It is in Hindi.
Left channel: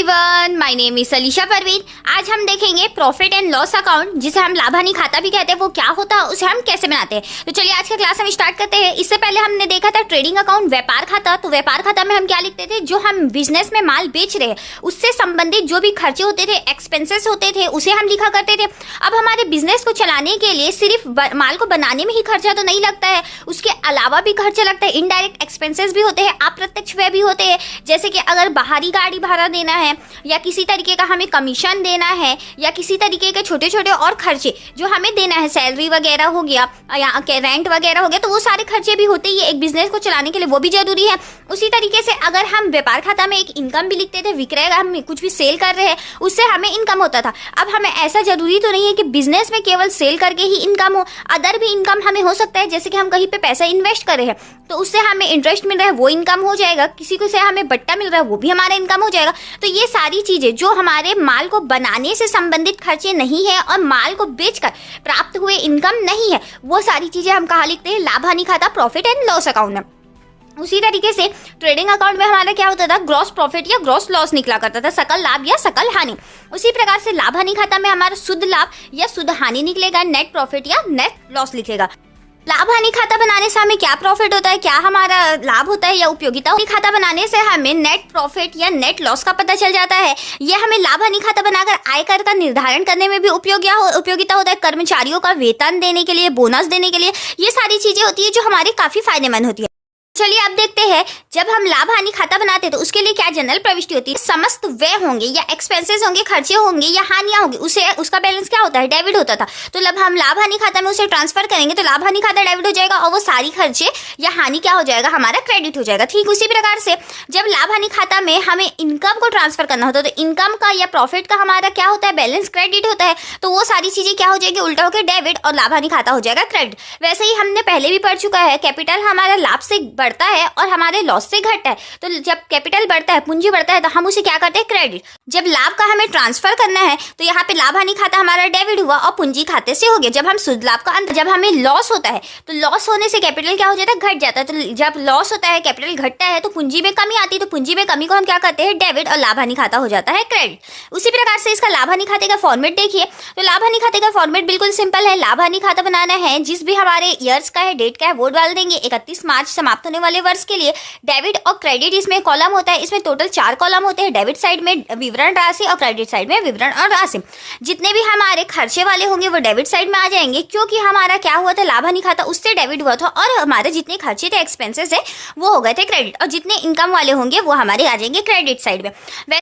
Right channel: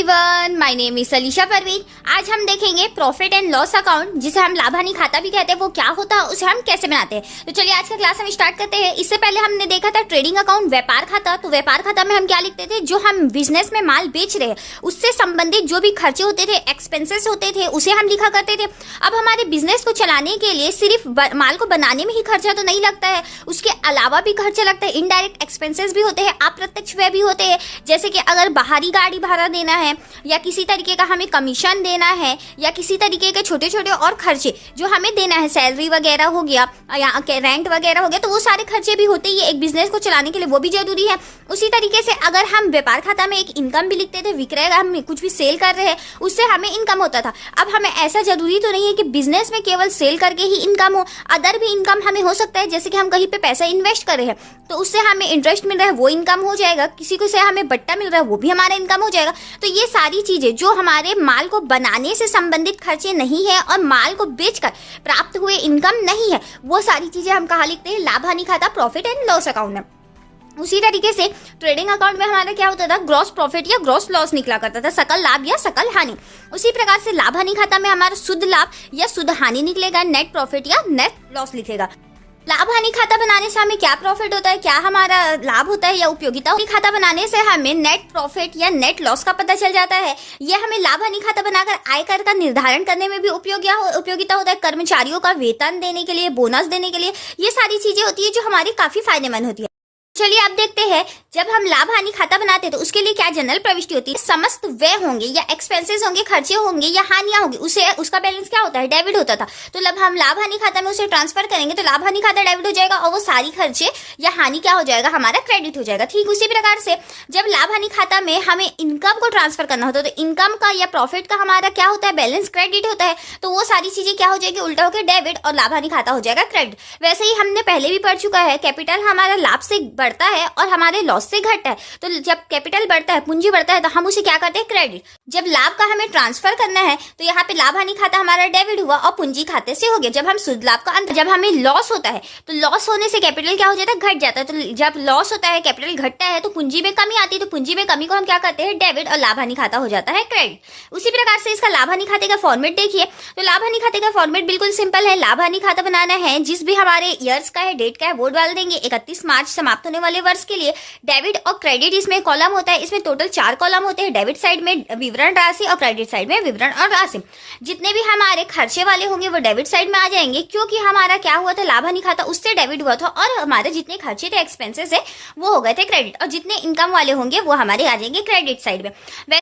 Everyone, my name is Alisha Parveen. आज हम देखेंगे प्रॉफिट एंड लॉस अकाउंट, जिसे हम लाभ हानि खाता भी कहते हैं। वो क्या होता है, उसे हम कैसे बनाते हैं। तो चलिए आज का क्लास हम स्टार्ट करते हैं। इससे पहले हमने देखा था ट्रेडिंग अकाउंट, व्यापार खाता। तो व्यापार खाता में हम क्या लिखते थे, जो हम बिजनेस में माल बेच रहे हैं उससे संबंधित जो भी खर्चे होते थे, एक्सपेंसेस होते थे, उसे हम लिखा करते थे। अब हमारे बिजनेस को चलाने के लिए सिर्फ माल को बनाने में ही खर्चा तो नहीं लगता है, उसके अलावा भी खर्चा लगता है। इनडायरेक्ट एक्सपेंसेस भी होते हैं, अप्रत्यक्ष व्यय भी होते हैं। जैसे कि अगर बाहरी गाड़ी भाड़ा देना है, या किसी तरीके का हमें कमीशन देना है, या किसी तरीके के छोटे छोटे और खर्चे जो हमें देना है, सैलरी वगैरह हो गया या रेंट वगैरह हो गया, तो वो सारे खर्चे भी होते ही है। एक बिजनेस को चलाने के लिए वो भी जरूरी है। उसी तरीके से अगर हम व्यापार खाता में एक इनकम भी लिखते थे, विक्रय, हम कुछ भी सेल कर रहे हैं उससे हमें इनकम होता था। अब हमें ऐसा जरूरी तो नहीं है कि बिजनेस में केवल सेल करके ही इनकम हो, अदर भी इनकम हमें हो सकता है। जैसे कि हम कहीं पे पैसा इन्वेस्ट कर रहे हैं तो उससे हमें इंटरेस्ट मिल रहा है, वो इनकम हो जाएगा। किसी को से हमें बट्टा मिल रहा है, वो भी हमारा इनकम हो जाएगा। तो ये सारी चीजें जो हमारे माल को बनाने से संबंधित खर्चे नहीं है और माल को बेचकर प्राप्त हुए इनकम नहीं है, वो सारी चीजें हम कहाँ लिखते हैं, लाभ हानि खाता, प्रॉफिट एंड लॉस अकाउंट में। उसी तरीके से ट्रेडिंग अकाउंट में हमारा क्या होता था, ग्रॉस प्रॉफिट या ग्रॉस लॉस निकला करता था, सकल लाभ या सकल हानि। उसी प्रकार से लाभ हानि खाता में हमारा शुद्ध लाभ या शुद्ध हानि निकलेगा, नेट प्रॉफिट या नेट लॉस लिखेगा। लाभ हानि खाता बनाने से हमें क्या प्रॉफिट होता है, क्या हमारा लाभ होता है या उपयोगिता। खाता बनाने से हमें नेट प्रॉफिट या नेट लॉस का पता चल जाता है। यह हमें लाभ हानि खाता बनाकर आयकर का निर्धारण करने में भी उपयोगिता होता है। कर्मचारियों का वेतन देने के लिए, बोनस देने के लिए, ये सारी चीजें होती है जो हमारी काफी फायदेमंद होती है। चलिए अब देखते हैं, जब हम लाभ हानि खाता बनाते हैं तो उसके लिए क्या जनरल प्रविष्टि होती है। समस्त व्यय होंगे या एक्सपेंसेस होंगे, खर्चे होंगे या हानियां होंगी, उसे उसका बैलेंस क्या होता है, डेबिट होता था। तो जब हम लाभ हानि खाता में उसे ट्रांसफर करेंगे तो लाभ हानि खाता डेबिट हो जाएगा और वो सारी खर्चे या हानि क्या हो जाएगा, हमारा क्रेडिट हो जाएगा। ठीक उसी प्रकार से जब लाभ हानि खाता में हमें इनकम को ट्रांसफर करना होता है तो इनकम का या प्रॉफिट का हमारा क्या होता है, बैलेंस क्रेडिट होता है। तो वो सारी चीजें क्या हो जाएगी, उल्टा होकर डेबिट, और लाभ हानि खाता हो जाएगा क्रेडिट। वैसे ही हमने पहले भी पढ़ चुका है, कैपिटल हमारा लाभ से बढ़ता है और हमारे लॉस से घटता है। तो जब कैपिटल बढ़ता है, पूंजी बढ़ता है, तो हम उसे क्या करते हैं, क्रेडिट। जब लाभ का हमें ट्रांसफर करना है तो यहाँ पे लाभ हानि खाता हमारा डेबिट हुआ और पूंजी खाते से हो गया। जब हम शुद्ध लाभ का अंत, जब हमें लॉस होता है तो लॉस होने से कैपिटल क्या हो जाता है, घट जाता है। तो जब लॉस होता है, कैपिटल घटता है, तो पूंजी में कमी आती है। तो पूंजी में कमी को हम क्या करते हैं, डेबिट, और लाभ हानि खाता हो जाता है क्रेडिट। उसी प्रकार से इसका लाभ हानि खाते का फॉर्मेट देखिए। तो लाभ हानि खाते का फॉर्मेट बिल्कुल सिंपल है। लाभ हानि खाता बनाना है, जिस भी हमारे ईयर्स का है, डेट का है, वो डाल देंगे। 31 मार्च समाप्त होने वाले वर्ष के लिए डेबिट और क्रेडिट इसमें कॉलम होता है। इसमें टोटल 4 कॉलम होते हैं। डेबिट साइड में विवरण राशि और क्रेडिट साइड में विवरण और राशि। जितने भी हमारे खर्चे वाले होंगे वो डेबिट साइड में आ जाएंगे, क्योंकि हमारा क्या हुआ था, लाभ हानि खाता उससे डेबिट हुआ था और हमारे जितने खर्चे थे, एक्सपेंसेस है, वो हो गए थे क्रेडिट। और जितने इनकम वाले होंगे वो हमारे आ जाएंगे क्रेडिट साइड में।